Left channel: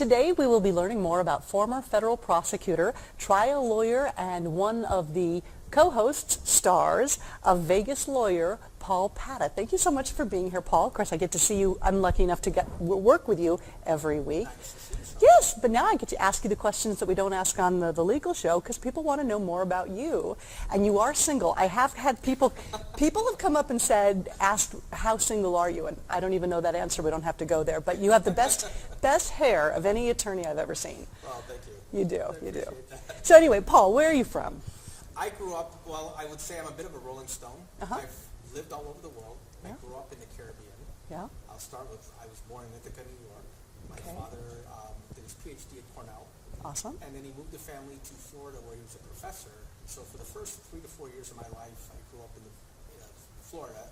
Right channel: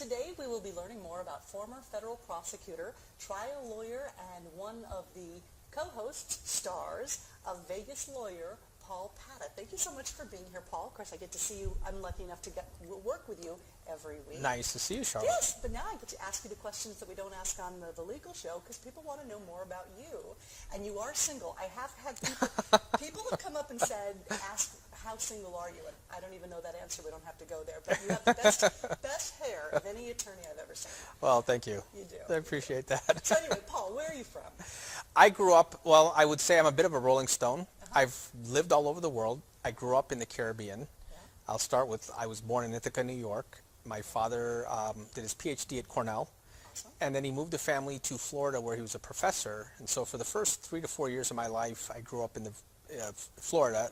Today we will be learning more about former federal prosecutor, trial lawyer, and one of the co-hosts, stars of Vegas lawyer, Paul Padda. Thank you so much for being here, Paul. Of course, I get to see you. I'm lucky enough to work with you every week. Nice to see you, Charlotte. Yes, but now I get to ask you the questions that we don't ask on the legal show because people want to know more about you. And you are single. I have had people have come up and asked, how single are you? And I don't even know that answer. We don't have to go there. But you have the best hair of any attorney I've ever seen. Well, thank you. You do. I appreciate that. So anyway, Paul, where are you from? I grew up, well, I would say I'm a bit of a rolling stone. Uh-huh. I've lived all over the world. I grew up in the Caribbean. Yeah. I'll start with, I was born in Ithaca, New York. My father did his PhD at Cornell. Awesome. And then he moved the family to Florida where he was a professor. And so for the first 3 to 4 years of my life, I grew up in the Florida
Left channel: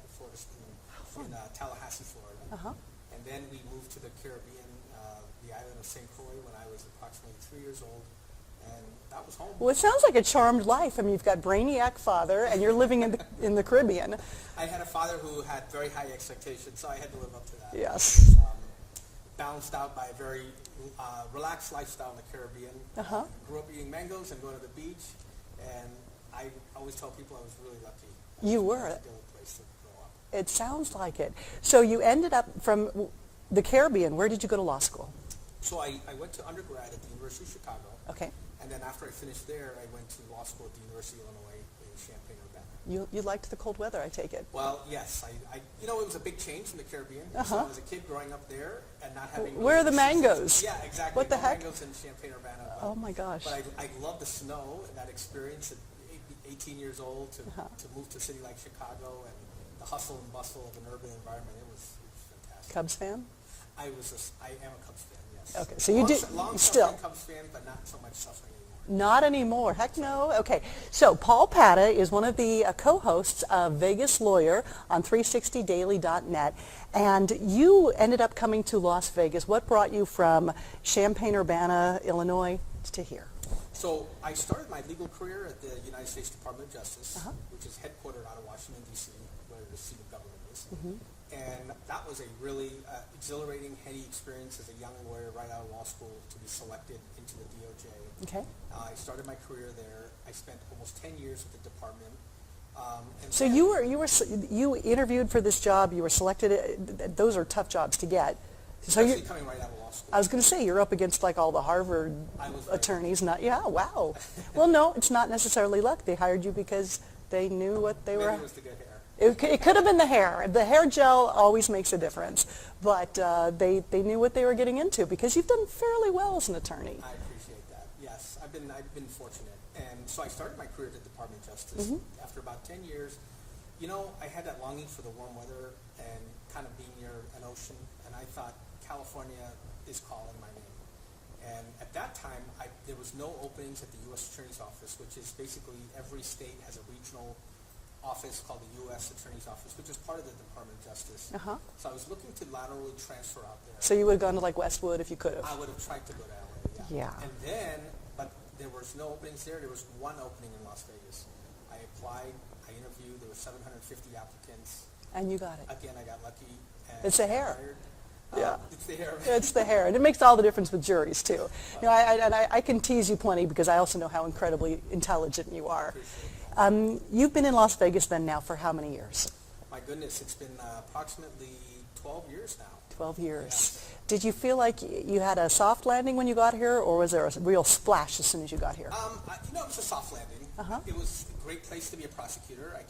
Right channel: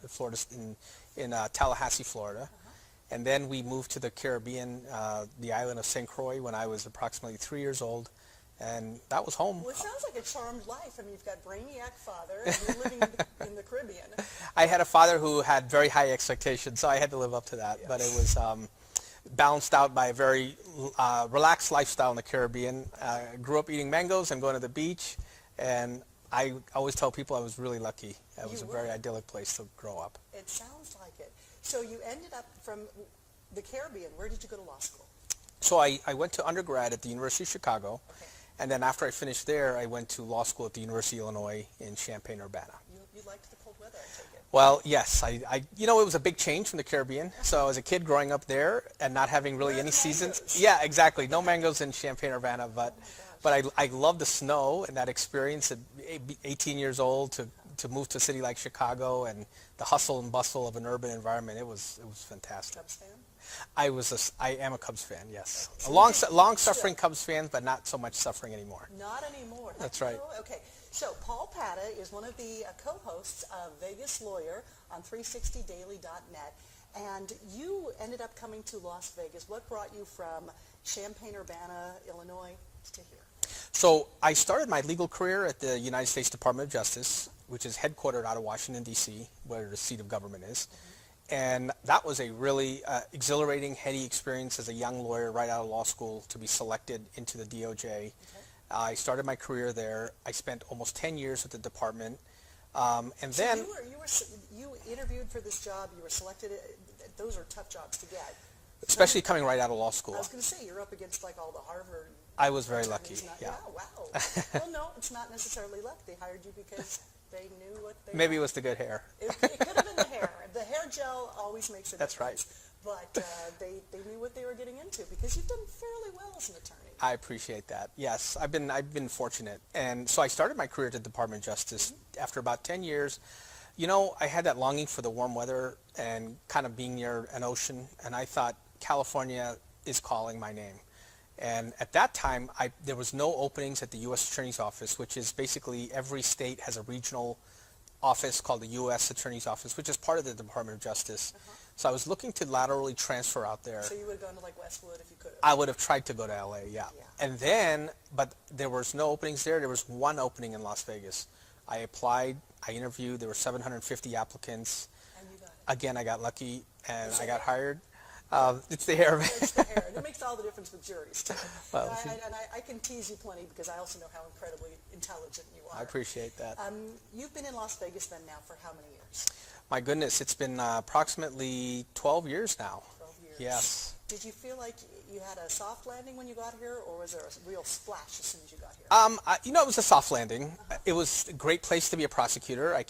in Tallahassee, Florida. Uh-huh. And then we moved to the Caribbean, the island of St. Croix when I was approximately 3 years old. And that was home. Well, it sounds like a charmed life. I mean, you've got brainiac father, and you're living in the Caribbean. I had a father who had very high expectations, so I had to live up to that. Yes. But it was balanced out by a very relaxed lifestyle in the Caribbean. Uh-huh. Grew up eating mangoes and going to the beach, and I always tell people I was really lucky. It was a very idyllic place to grow up. It sounds like it. So you ended up from the Caribbean. Where did you go to law school? So I went to undergrad at the University of Chicago. Okay. And then after I finished there, I went to law school at the University of Illinois in Champaign-Urbana. You liked the cold weather, I take it. Well, yes. It was a big change from the Caribbean. Uh-huh. So I was a kid growing up there and not having really Where are any the seasons. mangoes? Yeah, exactly. What the No heck? mangoes in Champaign-Urbana. But, Oh my gosh. But I love the snow and that experience at 18 years old to move to a city like Chicago and the hustle and bustle of an urban environment. It was fantastic. Cubs fan? I am a Cubs fan, yes. Okay, so long-suffering still. Cubs fan, but not so much suffering anymore. Not anymore. Heck That's no. right. Okay. So Paul Padda is one of the co-hosts of Vegas Lawyer on 360daily.net. And you ended up coming to Las Vegas. What brought you from Champaign-Urbana, Illinois, to here? So I started my legal career at the United States Department of Justice, which is headquartered out of Washington, D.C., where the seat of government is. And that was a really exhilarating, heady experience as a young lawyer right out of law school to be selected into the DOJ. Okay. I started my career there. I spent almost 10 years with the department. And So then you interviewed for this job. You were selected. Those are tough jobs to get. especially coming right out of law school. I was going to say, you're up against like all the Harvard I was very attorneys. lucky. Wow. Well, no, it's not necessarily luck. They hired you because they knew what they were. Maybe it was the good hair. It could have been the hair. The hair gel always makes a That's difference. But they knew what they were getting into because you've done fairly well as an attorney. I appreciate that. Yes, I've been fortunate. And so I started my career at the Department of Justice. After about 10 years, I had that longing for the warm weather and kind of being near an ocean. And I thought, California is calling my name. And at that time, there was no openings at the U.S. Attorney's Office, which is basically every state has a regional office called the U.S. Attorney's Office, which is part of the Department of Justice. So I was looking to laterally transfer out there. So you would have gone to like Westwood if you could have. I would have tried to go to L.A., Yeah. And then, but there was no openings there. There was one opening in Las Vegas. I applied, I interviewed, there were 750 applicants. And you got it. Again, I got lucky and It's I the got hair. hired. Yeah. It's the hair. It's the hair, and it makes all the difference with juries too. I can tease you plenty because I also know how incredibly intelligent you are. I appreciate that. You've been in Las Vegas then now for how many years? My goodness, it's been approximately 12 years now. 12 years. Yes. Did you feel like you had a soft landing when you got here, or was there a real splash as soon as you got here? It was a soft landing. It was a great place to be a prosecutor. I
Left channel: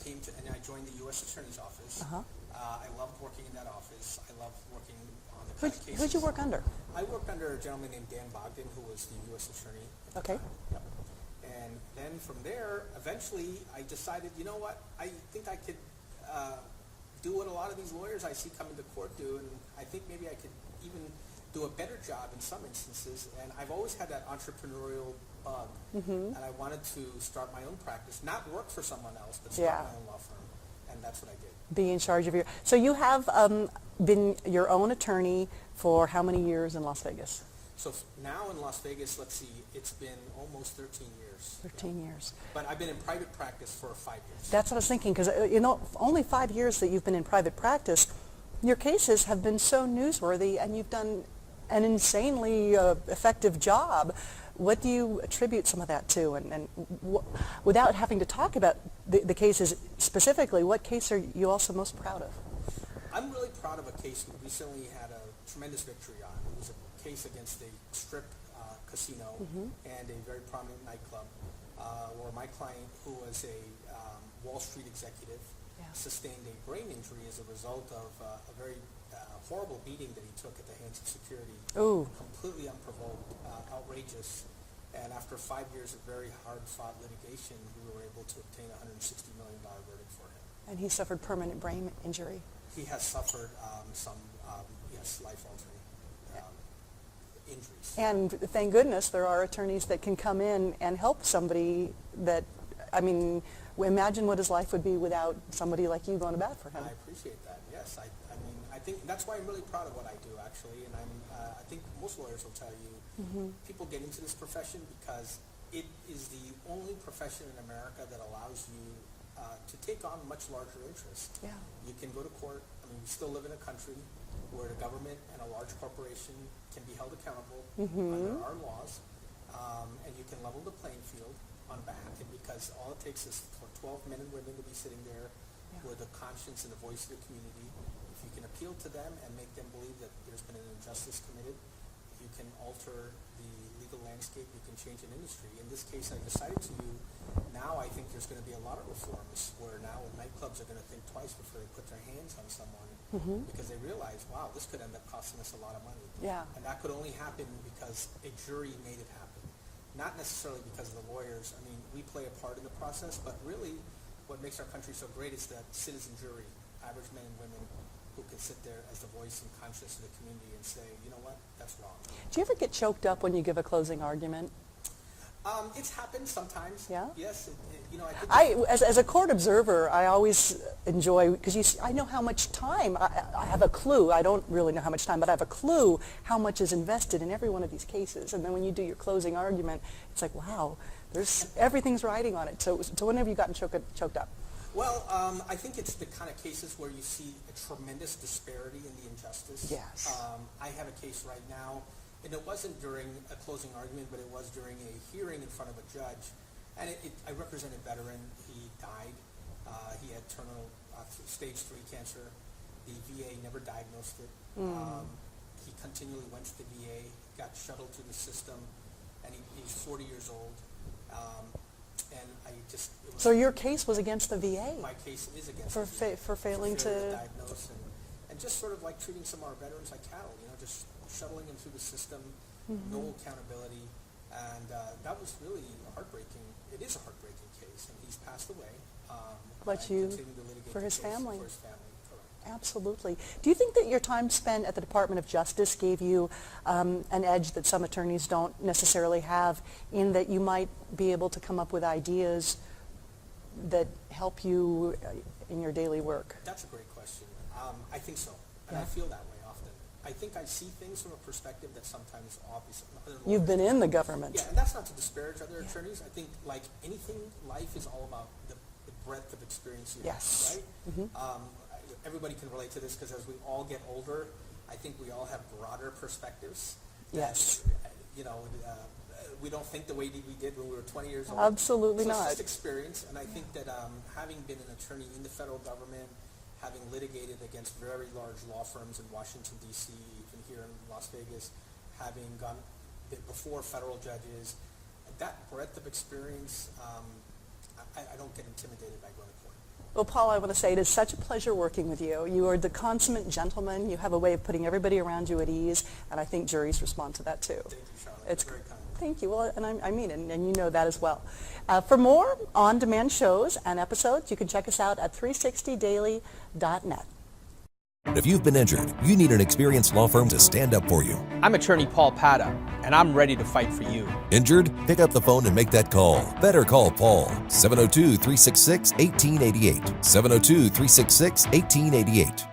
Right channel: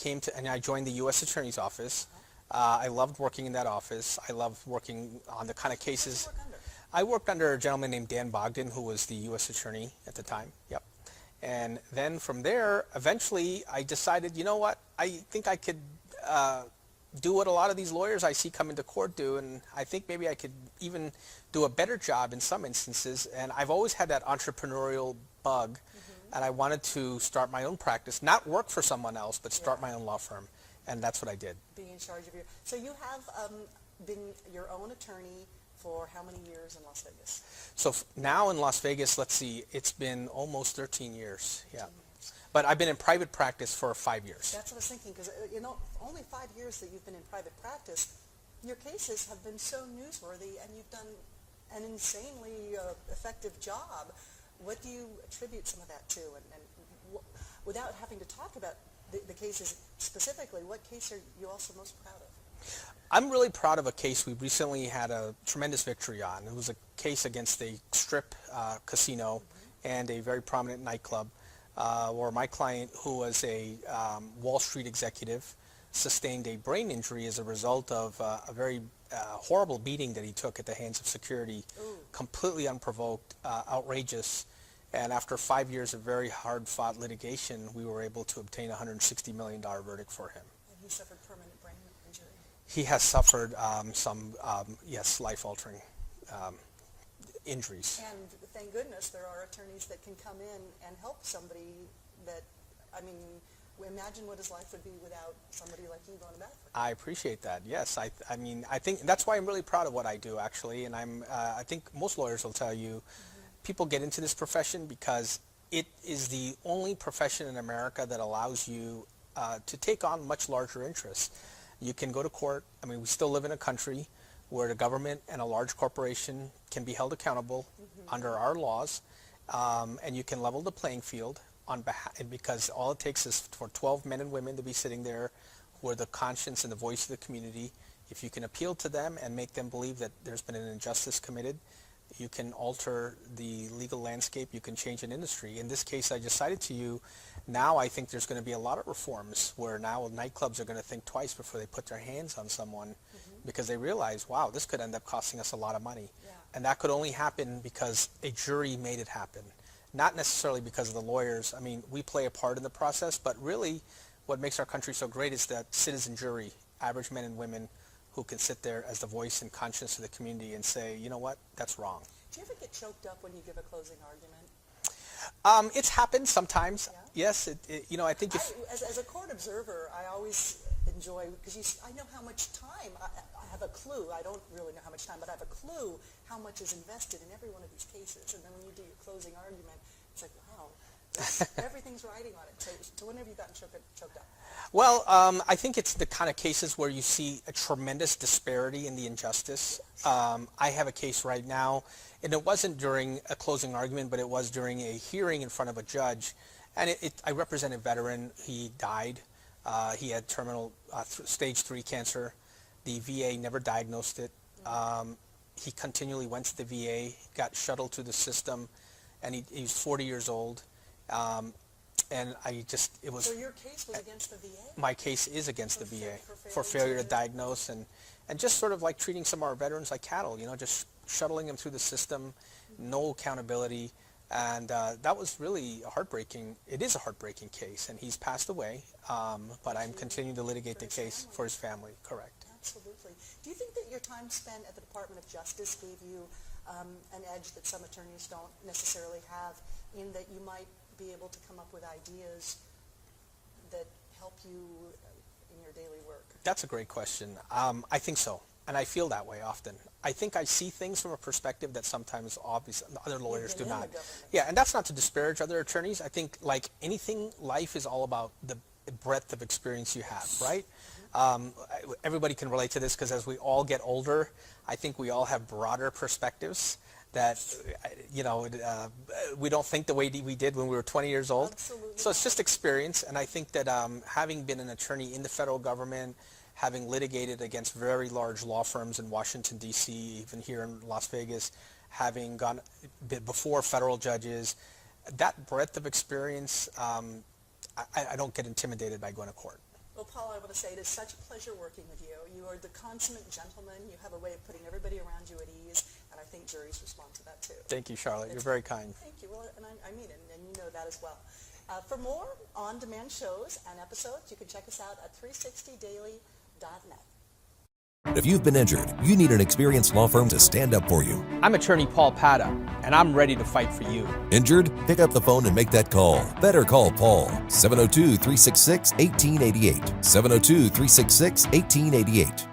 joined the U.S. Attorney's Office. I loved working in that office. I loved working on the kind of cases. Who did you work under? I worked under a gentleman named Dan Bogdan, who was the U.S. Attorney at the time. Yep. And then from there, eventually, I decided, you know what? I think I could do what a lot of these lawyers I see come into court do, and I think maybe I could even do a better job in some instances. And I've always had that entrepreneurial bug, and I wanted to start my own practice, not work for someone else, but start my own law firm. And that's what I did. Be in charge of your... So you have been your own attorney for how many years in Las Vegas? So now in Las Vegas, let's see, it's been almost 13 years. 13 years. But I've been in private practice for 5 years. That's what I was thinking, because only 5 years that you've been in private practice, your cases have been so newsworthy, and you've done an insanely effective job. What do you attribute some of that to? And without having to talk about the cases specifically, what case are you also most proud of? I'm really proud of a case we recently had a tremendous victory on. It was a case against a strip casino and a very prominent nightclub where my client, who was a Wall Street executive, sustained a brain injury as a result of a very horrible beating that he took at the hands of security. Ooh. Completely unprovoked, outrageous. And after 5 years of very hard-fought litigation, we were able to obtain a $160 million verdict for him. And he suffered permanent brain injury. He has suffered some, yes, life-altering injuries. And thank goodness there are attorneys that can come in and help somebody that, I mean, imagine what his life would be without somebody like you going to bat for him. I appreciate that. Yes, I mean, I think that's why I'm really proud of what I do, actually. And I think most lawyers will tell you, people get into this profession because it is the only profession in America that allows you to take on much larger interests. Yeah. You can go to court. I mean, we still live in a country where the government and a large corporation can be held accountable under our laws, and you can level the playing field on behalf, because all it takes is for 12 men and women to be sitting there with the conscience and the voice of the community. If you can appeal to them and make them believe that there's been an injustice committed, you can alter the legal landscape, you can change an industry. In this case I just cited to you, now I think there's going to be a lot of reforms where now nightclubs are going to think twice before they put their hands on someone because they realize, wow, this could end up costing us a lot of money. Yeah. And that could only happen because a jury made it happen. Not necessarily because of the lawyers. I mean, we play a part in the process, but really what makes our country so great is that citizen jury, average men and women who can sit there as the voice and conscience of the community and say, you know what, that's wrong. Do you ever get choked up when you give a closing argument? It's happened sometimes. Yeah? Yes, you know, I think... As a court observer, I always enjoy, because I know how much time, I have a clue, I don't really know how much time, but I have a clue how much is invested in every one of these cases. And then when you do your closing argument, it's like, wow, everything's riding on it. So when have you gotten choked up? Well, I think it's the kind of cases where you see a tremendous disparity in the injustice. Yes. I have a case right now, and it wasn't during a closing argument, but it was during a hearing in front of a judge. And I represent a veteran. He died. He had terminal stage 3 cancer. The VA never diagnosed it. He continually went to the VA, got shuttled through the system, and he's 40 years old. And it was... So your case was against the VA? My case is against the VA. For failing failure to diagnose and just sort of like treating some of our veterans like cattle, you know, just shuttling them through the system, no accountability. And that was really it is a heartbreaking case, and he's passed away, but I'm continuing to litigate the case for his family, correct. Absolutely. Do you think that your time spent at the Department of Justice gave you an edge that some attorneys don't necessarily have, in that you might be able to come up with ideas that help you in your daily work? That's a great question. I think so, and I feel that way often. I think I see things from a perspective that sometimes obviously other lawyers You've been in the government. Yeah, and that's not to disparage other attorneys. I think, like anything, life is all about the breadth of experience you have, right? Everybody can relate to this because as we all get older, I think we all have broader perspectives that, you know, we don't think the way we did when we were 20 years old. Absolutely So not. it's just experience, and I think that having been an attorney in the federal government, having litigated against very large law firms in Washington, D.C., even here in Las Vegas, having gone before federal judges, that breadth of experience, I don't get intimidated by going to court. Well, Paul, I want to say it is such a pleasure working with you. You are the consummate gentleman. You have a way of putting everybody around you at ease, and I think juries respond to that too. Thank you, Charlotte. You're very kind. Thank you. Well, and I mean it, and you know that as well. For more on-demand shows and episodes, you can check us out at 360daily.net. If you've been injured, you need an experienced law firm to stand up for you. I'm attorney Paul Padda, and I'm ready to fight for you. Injured? Pick up the phone and make that call. Better call Paul. 702-366-1888. 702-366-1888.